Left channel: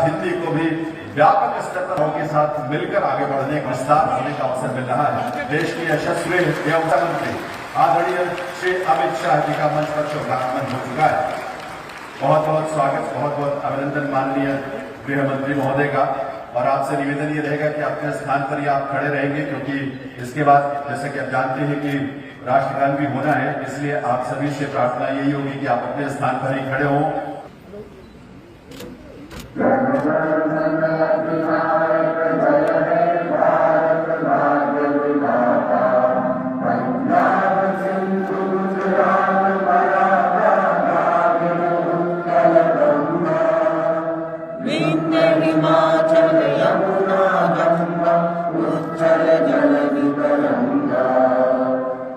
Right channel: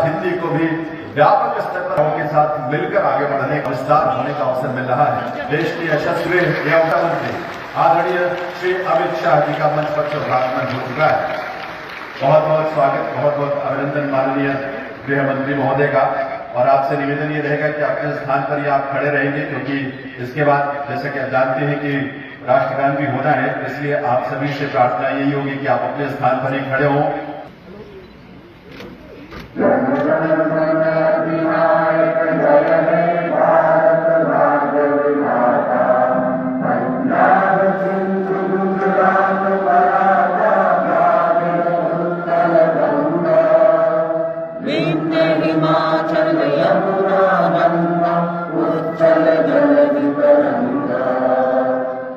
हिंदी को भी व्यापक स्तर पर के साथ मिलकर आगे बढ़ने का विस्तार होने का अवसर मिल रहा है। देश की यशस्वी एवं मंत्री आदरणीय श्री अमित शाह जी का मंच पर शुभागमन हो चुका है। बहुत बहुत स्वागत, बहुत बहुत अभिनंदन माननीय गृह मंत्री महोदय का। और आपसे निवेदन ये रहेगा कि अपने स्थान पर ही आप खड़े रहेंगे, क्योंकि इसके बाद जैसे कि आप जानते हैं कि राष्ट्रगान भी होना है, इसलिए आप सभी से प्रार्थना यही होगी कि आप अपने स्थान पर ही खड़े हों। हिमाचल यमुना गंगा उज्जल जल तरंगा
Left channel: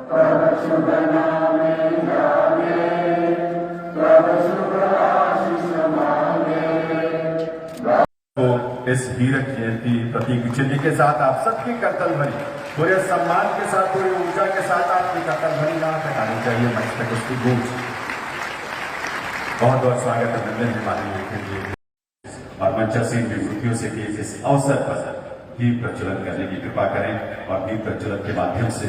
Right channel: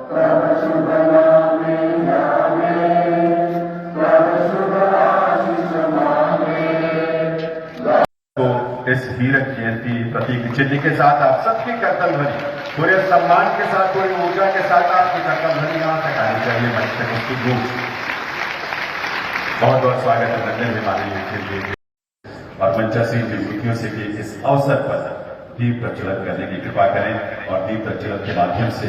तब शुभ नामे जागे तब शुभ आशीष मांगे। तो इस हीरक जयंती प्रतीक चिन्ह के साथ आप सबकी कर्तव्य भरी पूरे सम्मान के साथ, पूरी ऊर्जा के साथ आपकी कर्तव्य भरी यहाँ तक आनी चाहिए। मस्तक उसकी गूंज। बहुत बहुत स्वागत अभिनंदन माननीय के लिए और मंचासीन विभूतियों से भी इस अवसर पर दीप प्रज्वलन करने की कृपा करें और दीप प्रज्वलन के माध्यम से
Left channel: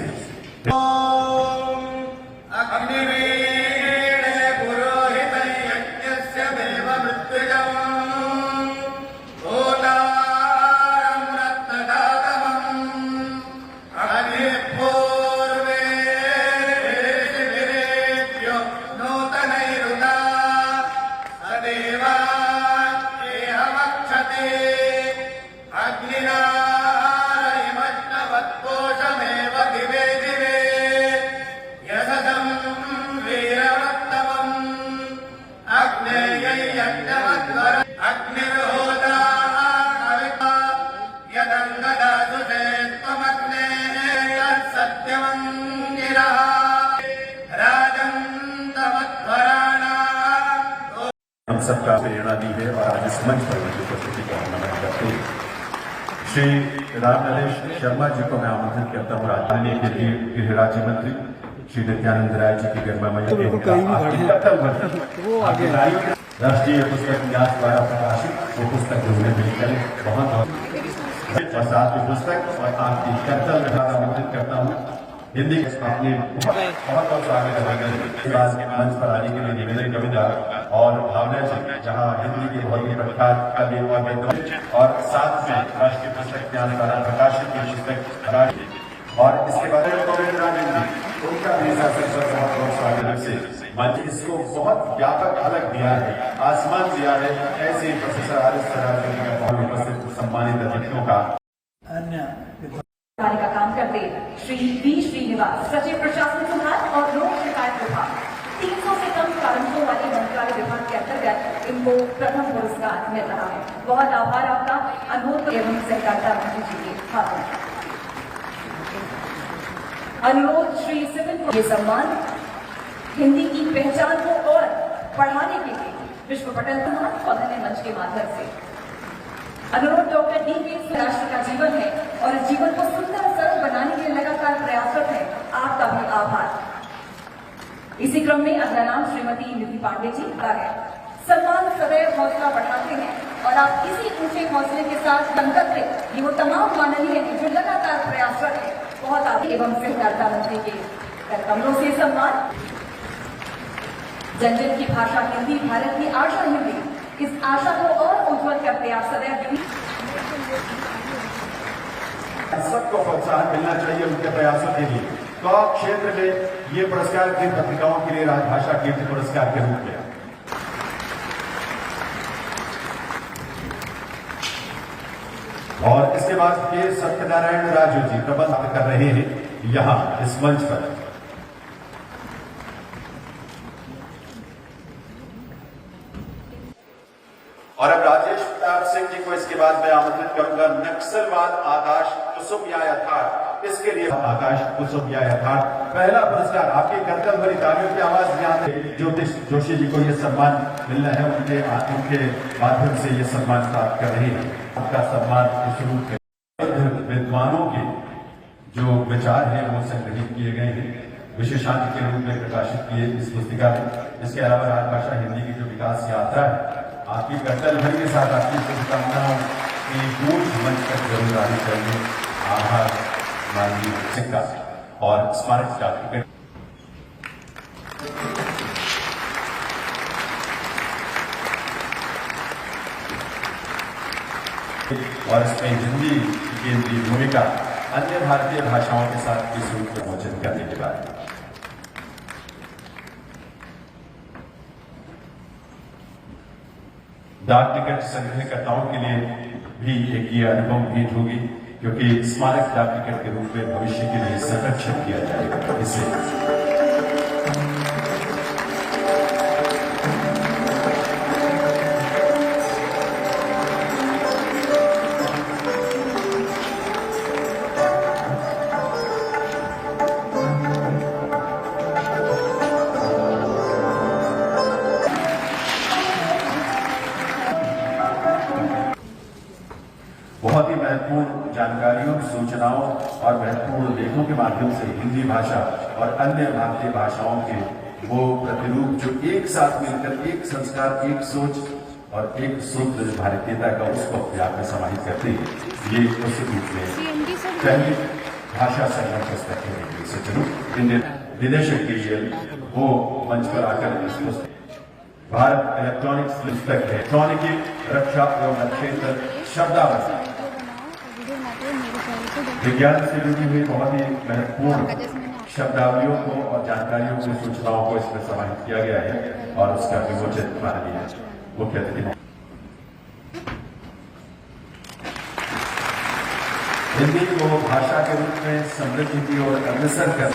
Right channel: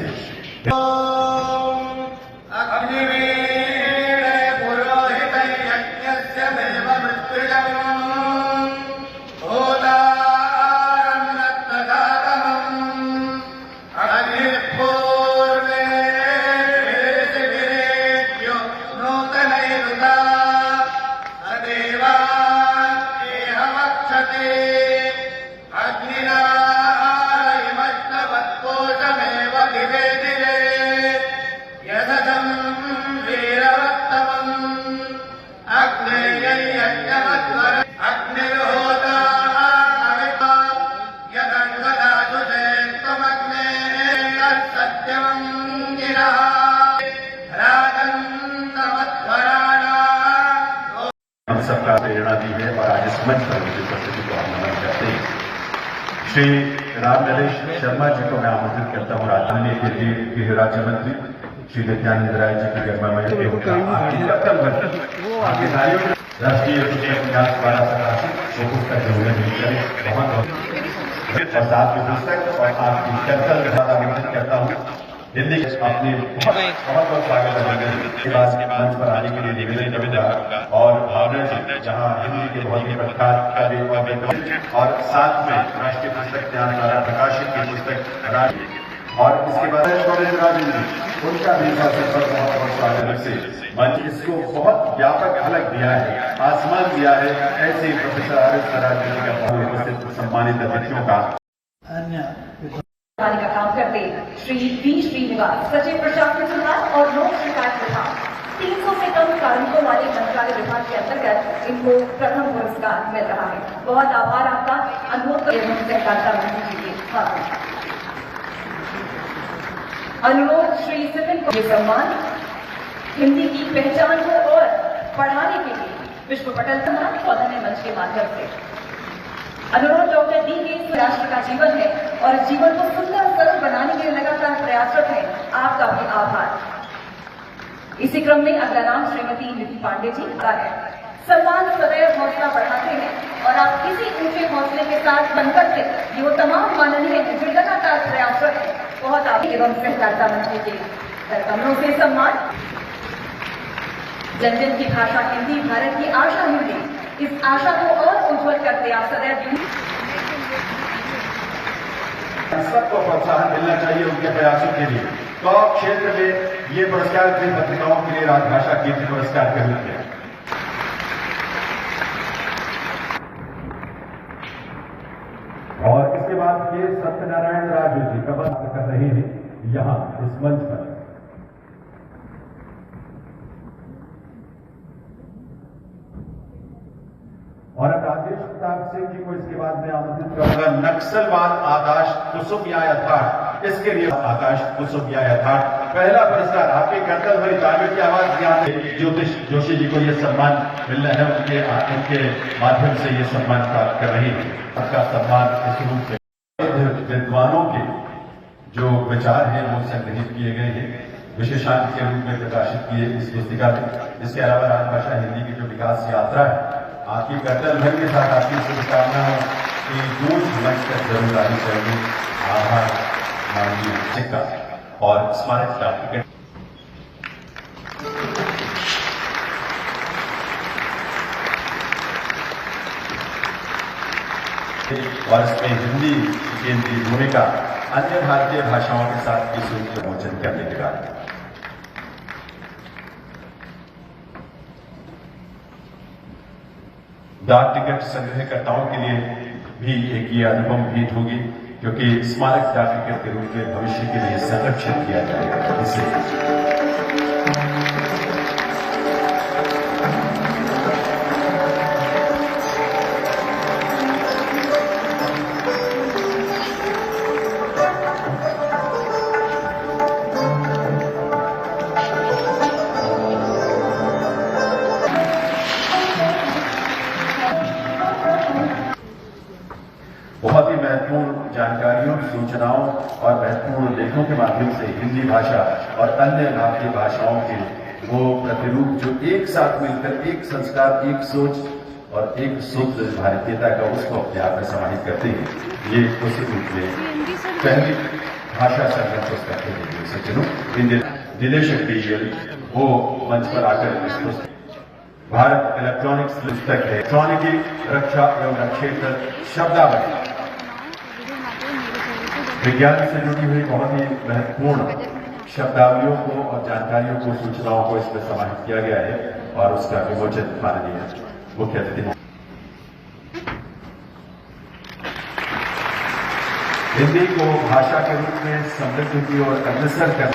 हम सबका प्रेरणा दी है। और आज इस मंच पर मुझे उपस्थिति को आमंत्रित करते हैं श्री राम नरेश शर्मा जी को मैं आमंत्रित करता हूँ। राजधानी के लिए गृह राज्य मंत्री श्री नित्यानंद राय जी की गर्भमय राष्ट्रीय पुस्तक न्यास द्वारा प्रकाशित वो पुस्तक जरूर मिल करें। बहुत साथ में पुस्तक और आपकी कर्तव्य आमंत्रित करता हूँ। हिंदी अपने बहुत बहुत स्वागत के बाद मंच पर आने के लिए निवेदन करेंगे और भावना जी जहाँ हिंदी के बहुत ही प्रख्यात कवि और साथ में राष्ट्रीय पुस्तक न्यास द्वारा प्रकाशित की पुस्तक और इसके बाद उनका भी बहुत स्वागत से मंच इसको बहुत व्यापक अलग दिया है, आसमान दिया है। ऐसे प्रोफेसर आर.एस. सम्मानित अतिथियों का का काम करते श्री वी श्रीनिवास सचिव प्रशासनिक विभाग और लोक शिकायत विभाग 300 से कम कार्मिकों वाले मंत्रालय विभाग के अंतर्गत इनको प्रथम पुरस्कार मिल रहा है। बहुत आभार आपका। अनुरोध सहकारिता मंत्री जी के अनुरोध श्री सिविल को ये सम्मान हिंदी की पहचान को और बढ़ाने के लिए विश्व पटल पौधने मंच के माध्यम से अनुरोध डॉक्टर डी के राष्ट्र का जीवन है और इस जीवन को सुंदर और सरल बनाने के लिए लगातार प्रयासरत है। आपका भी आभार। इसी क्रम में अगला नाम श्रीमती निधि पांडे जी आ गए। सम्मान सदैव हौसला बढ़ाते हैं और आप इसी ऊंचे हौसले के साथ बनकर के ये वो तमाम माननीय है जो लगातार प्रयासरत है। बहुत आगे एवं सहकारिता मंत्री के कमरों से सम्मान। जन जन की भाषा हिंदी, भारत की आशा हिंदी, इस आशा को और उज्जवल करते आप सदैव सबको प्रोत्साहन मिलना चाहिए उनके प्रयासों के लिए। तो क्षेत्र में ये पुरस्कार जिन पत्रिकाओं के लिए राजभाषा कीर्ति पुरस्कार के रूप में और इसके बाद के सत्यनारायण राजू जी प्रबंध कर रहे हैं यहाँ इस मंच पर। और अब राजेश प्रताप सिंह जी को इसके बाद मैं आमंत्रित करूंगा। नक्सलवाद आकाश कुसुम या यथार्थ, इसके लिए आकाश कुसुम या यथार्थ पहला पुरस्कार आपके कर्तव्य भरी तालियों की आवाज यहाँ ज्योतिष जोशी जी को यह सम्मान मिलना है। उनके माध्यम से ये सम्मान प्राप्त कर रही है। आपका सम्मान इस रूप में विद्वानों के जो विचार हैं वो संग्रहित किए गए हैं, विशेषांक के रूप में प्रकाशित किए इस पुस्तिका में। इसके अलावा राजभाषा हिंदी की जो विकास यात्रा है आपकी कर्तव्य भर के साथ आपकी शुभकामनाओं की गूंज मंच तक जरूर आनी चाहिए। आभार माननीय शिक्षक और स्मारक डाक और इसमें हिंदी की भूमिका अन्य भारतीय भाषाओं के साथ इस रूप में मोचन करने के बाद डाक टिकट संग्रहकर्ताओं के लिए भी एक ये अनुपम भेंट होगी, क्योंकि स्मारक डाक टिकट के रूप में भविष्य के लिए संरक्षित किया जाएगा। इसे बहुत ही महत्वपूर्ण जानकारियों, सूचनाओं और महत्वपूर्ण लेखों के माध्यम से हिंदी भाषा और अन्य भारतीय भाषाओं के वो प्रतिरूप जो एक साथ मिलकर एक संस्कार, एक सोच और एक सूत्र भारतीयता का उसको अपने आप में समाहित करते हैं। ये निश्चित रूप से पहली भाषा संगठन पुस्तक है। सज्जनों, निदेशक डीएल वो मंच पर आकर इस पुस्तक भारत इलेक्ट्रॉनिक्स पुस्तक है। इलेक्ट्रॉनिकी रक्षा एवं क्षेत्र शब्दावली विज्ञान से जुड़ी हुई बहुत ही महत्वपूर्ण शब्दावलियों को और जानकारियों को, सूचनाओं को इसमें समाहित किया गया है और उसका विमोचन माननीय मुख्य अतिथि हिंदी को भाषा के रूप में समृद्ध की और अग्रसर कर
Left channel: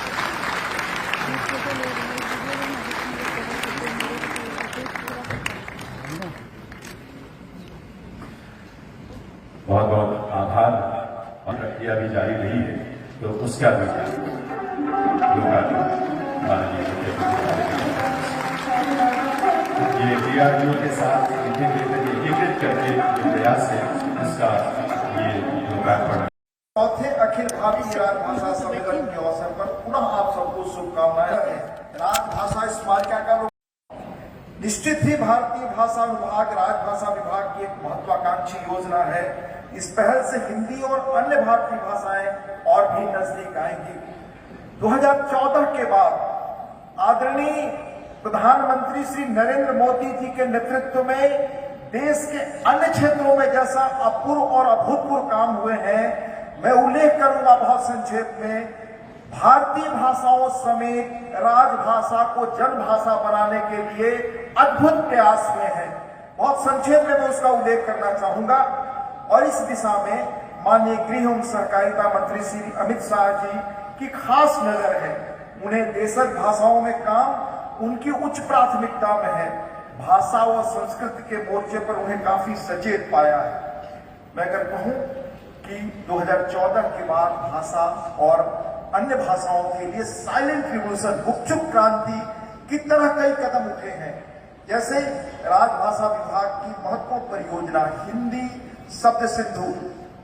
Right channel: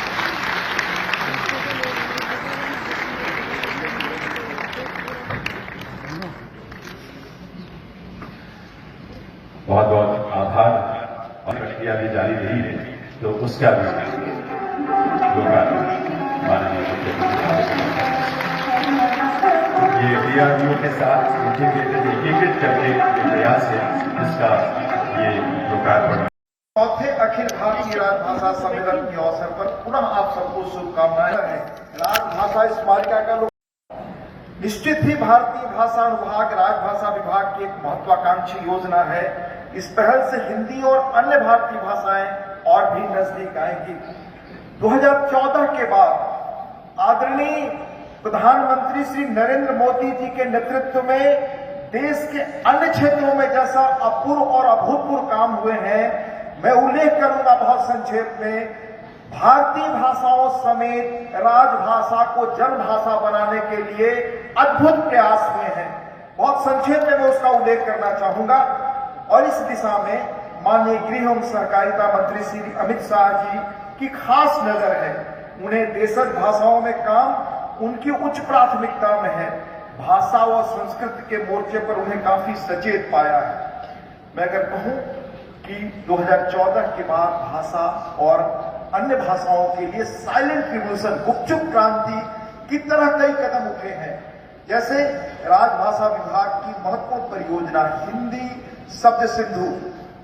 बहुत बहुत आभार। प्रक्रिया भी जारी रही है तो उसका भी ये डीआरडीओ के साथ एकीकृत करके प्रयास है, इसका ये लोकार्पण। चौथे अखिल भारतीय राजभाषा सम्मेलन के अवसर पर पुनः आप सबको शुभकामनाएं हैं। राजभाषा स्मारिका का निश्चित ही भारतीय भाषा अनुभाग राजभाषा विभाग की एक महत्वाकांक्षी योजना है। इस पहल से हिंदी और अन्य भारतीय भाषाएं और भी नजदीक आएंगी। 2014 के बाद आदरणीय प्रधानमंत्री श्री नरेंद्र मोदी जी के नेतृत्व में देश के अन्य क्षेत्रों में जैसा अपूर्व और अभूतपूर्व काम हुए हैं, मैं उल्लेख करूंगा बहुत संक्षेप में। भारतीय भाषाओं समेत राजभाषा को जनभाषा बनाने के लिए अद्भुत प्रयास हुए हैं। बहुत संक्षेप में मैं उसका उल्लेख करना चाहूंगा और इस दिशा में माननीय गृह एवं सहकारिता मंत्री श्री अमित शाह जी की खास नजर है। उन्हें देशज भाषाओं में काम उनकी उच्च प्राथमिकता में है। भाषा व संस्कृति के मोर्चे पर उन्हें काफी सचेत पाया है। मैं अगर कहूं कि 2014 के बाद भाषा और अन्य भाषाओं के लिए साइलेंट रिवोल्यूशन, गुपचुप क्रांति की तरह कई कदम उठे हैं। जैसे राजभाषा विभाग की महत्वपूर्ण परियोजना हिंदी शब्द सिंधु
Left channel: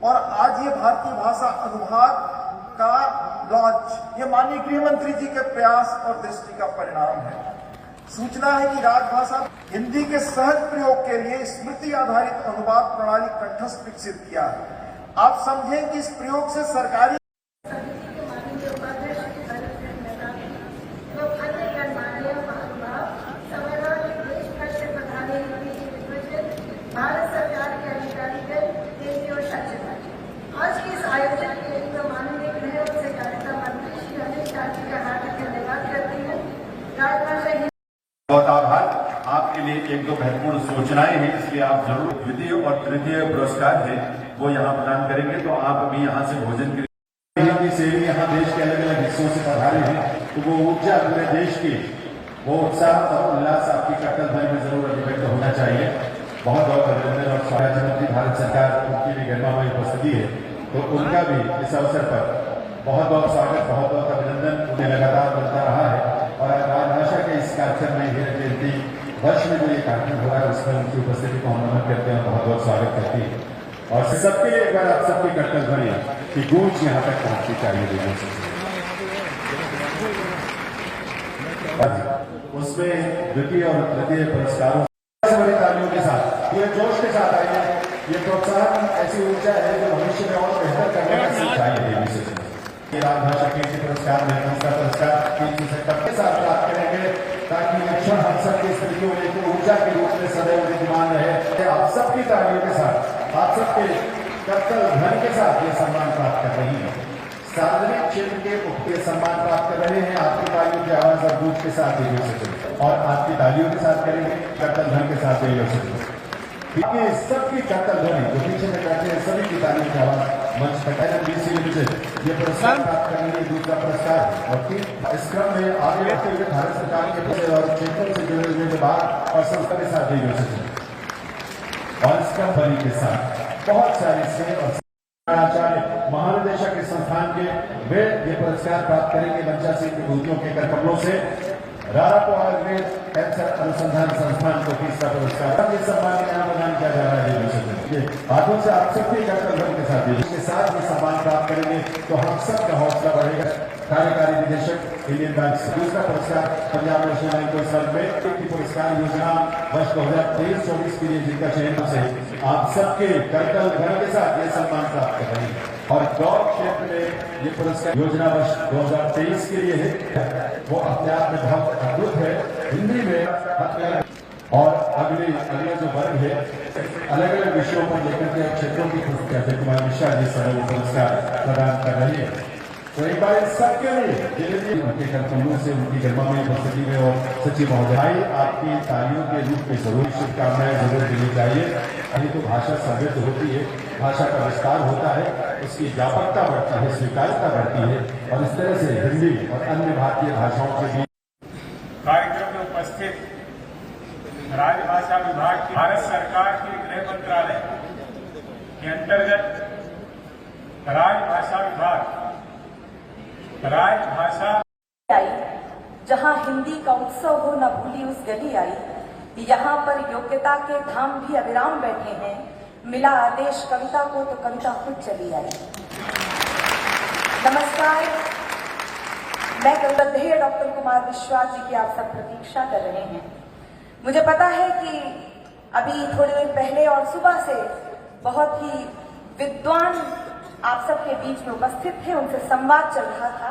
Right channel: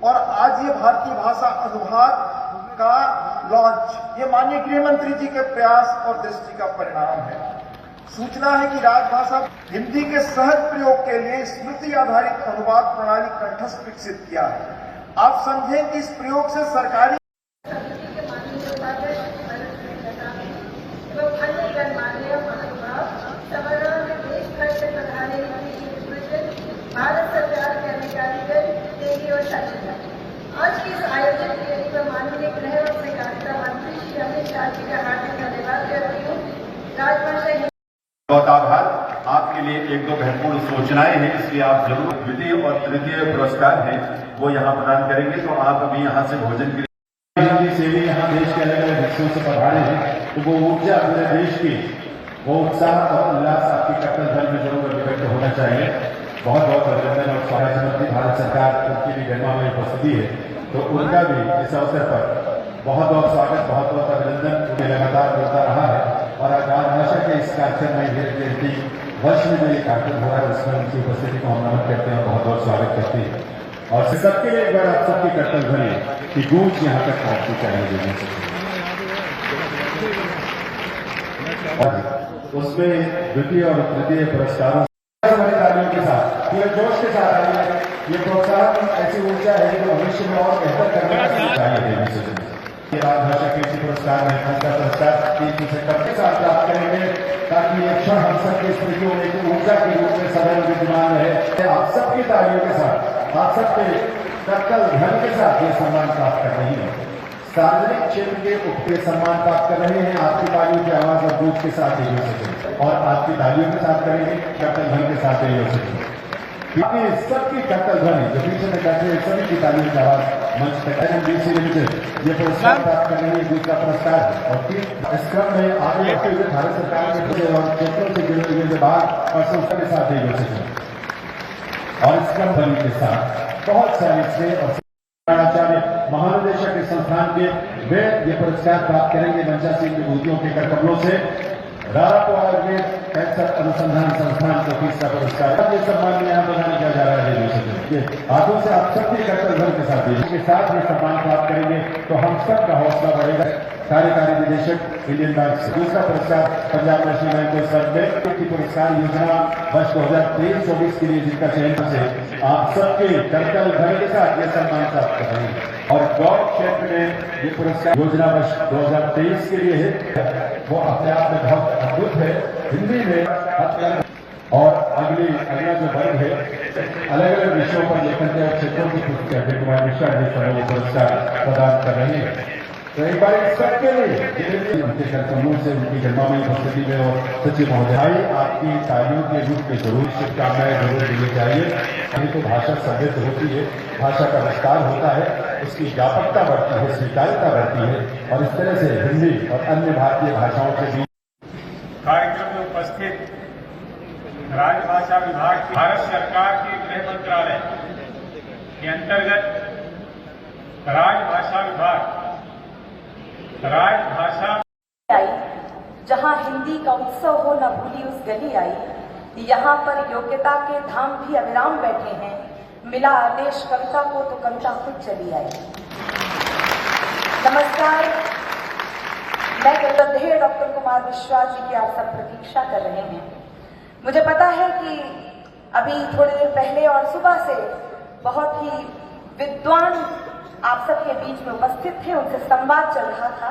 और आज ये भारतीय भाषा अनुभाग का लॉन्च, ये माननीय गृह मंत्री जी के प्रयास और दृष्टि का परिणाम है। सूचना है कि राजभाषा हिंदी के सहज प्रयोग के लिए स्मृति आधारित अनुवाद प्रणाली कंठस्थ विकसित किया है। आप समझें कि इस प्रयोग से सरकारी भारत सरकार के अधिकारी और सचिव आज के इस आयोजन के लिए माननीय गृह एवं सहकारिता मंत्री श्री अमित शाह जी का हार्दिक धन्यवाद करती हूँ। राजभाषा बहुत आभार। आपके लिए एक दो महत्वपूर्ण सूचनाएं हैं, इसलिए आप जरूर द्वितीय और तृतीय पुरस्कार हैं वो यहाँ प्रदान करेंगे। तो आप अभी यहाँ से भोजन के लिए सेवी यहाँ देश के अलग अलग हिस्सों से पधारे हैं, तो वो ऊर्जा अपने देश की वो उत्साह और उल्लास आपके कट्टर भर में जरूर अभिव्यक्त होना चाहिए। बहुत बहुत अभिनंदन और स्वराज मंत्री भारत सरकार उनकी भी गणमान्य उपस्थिति है, तो उनका भी इस अवसर पर बहुत बहुत स्वागत, बहुत बहुत अभिनंदन। उन्हें लगातार बढ़ता रहा है और राजभाषा के इस कार्यक्रम में जयंती वर्ष में जो ये कार्यक्रम हुआ है उसमें उनकी उपस्थिति को हम नमन करते हैं, बहुत बहुत स्वागत करते हैं। और सबके लिए एक बार आप सबकी कर्तव्य बने कि गूंज यहाँ तक पहुंचनी चाहिए। उसमें द्वितीय और तृतीय पुरस्कारों के साथ ये जोश के साथ आएगा, ये प्रोत्साहन ऐसी ऊर्जा है जो भविष्य में और बेहतर करने का सिखाएगी। राजभाषा केंद्र पुरस्कार में का पुरस्कार 370 के साथ प्राप्त करेंगे ताकि ये क्षण हम सबकी स्मृतियों में एक ऊर्जा के रूप में सदैव विद्यमान रहे। आप सबकी तालियों के साथ, आप सबके कर्तव्य धन के साथ ये सम्मान प्राप्त कर रही है। सार्वजनिक क्षेत्र के उपके सम्मान प्राप्त कर रहे हैं। आपकी तालियों की आवाज और दूध के साथ ही हो सके और आपकी तालियों के साथ करेंगे, कर्तव्य धन के साथ ही हो सके। बाकी सबकी कर्तव्य ध्वनि जो पीछे में बैठे हैं सभी की तालियों की आवाज मंच पर ये पुरस्कार प्राप्त करने के दूसरा पुरस्कार और इस क्रम में आगे बढ़ते हुए भारत सरकार के पूरे और क्षेत्रों से जुड़े हुए विभाग और संस्था के साथ ही जुड़ सके और इस क्रम ध्वनि के साथ बहुत सारे से और आचार्य महानिदेशक इस संस्थान के वे ये पुरस्कार प्राप्त करेंगे मंचा सिंह विभूतियों के कर कमलों से। रारापो आयुर्वेद कैंसर अनुसंधान संस्थान को तीसरा पुरस्कार ये सम्मान यहाँ प्रदान किया जा रहा है। ये हाथों से आप सबके कर्तव्य के साथ इसके साथ ये सम्मान प्राप्त करेंगे तो हम सब का हौसला बढ़ेगा। कार्यकारी निदेशक इंडियन बैंक से दूसरा पुरस्कार पंजाब नेशनल बैंक को सर्व में की पुरस्कार योजना वर्ष 2023-24 के लिए जिनका चयन से आप सबके कर्तव्य धन के साथ ये सम्मान प्राप्त कर रहे हैं और गौर क्षेत्र में ये पुरस्कार योजना वर्ष 2023 के लिए है वो अपने आप में बहुत अद्भुत है। हिंदी में और अगला जो वर्ग है अलग अलग विषयों पर लेकर के क्षेत्रों की पुस्तक अजय कुमार मिश्रा जी समय पुरस्कार प्रदान कर रही है। तो एक बार इस सबके लिए उनके कर्तव्यों से उनकी जन्मभूमि उपस्थिति में और सचिव महोदय आपकी तालियों के रूप में जरूर शुभकामनाएं जरूर देनी चाहिए। अभी तो भाषा समृद्ध होती है, भाषा का विस्तार होता है, इसकी व्यापकता बढ़ती है, स्वीकार्यता बढ़ती है और इस तरह से हिंदी और अन्य भारतीय भाषाओं के बीच कार्यक्रम में उपस्थित राजभाषा विभाग की भारत सरकार के गृह मंत्रालय के अंतर्गत राजभाषा विभाग राजभाषा आई जहां हिंदी का उत्सव हो न भूली उस गली आई। यहाँ पर योग्यता के धाम भी अविराम बैठे हैं। मिला आदेश कविता को तो कविता खुद चली आई। नमस्कार, मैं गौरवधेय डॉक्टर कुमार विश्वास जी की आप सब प्रतीक्षा कर रहे हैं। मुझे पता है कि अभी थोड़ी देर पहले और सुबह से बहुत ही विद्वान आप सबके बीच में उपस्थित थे, उनसे संवाद चल रहा था।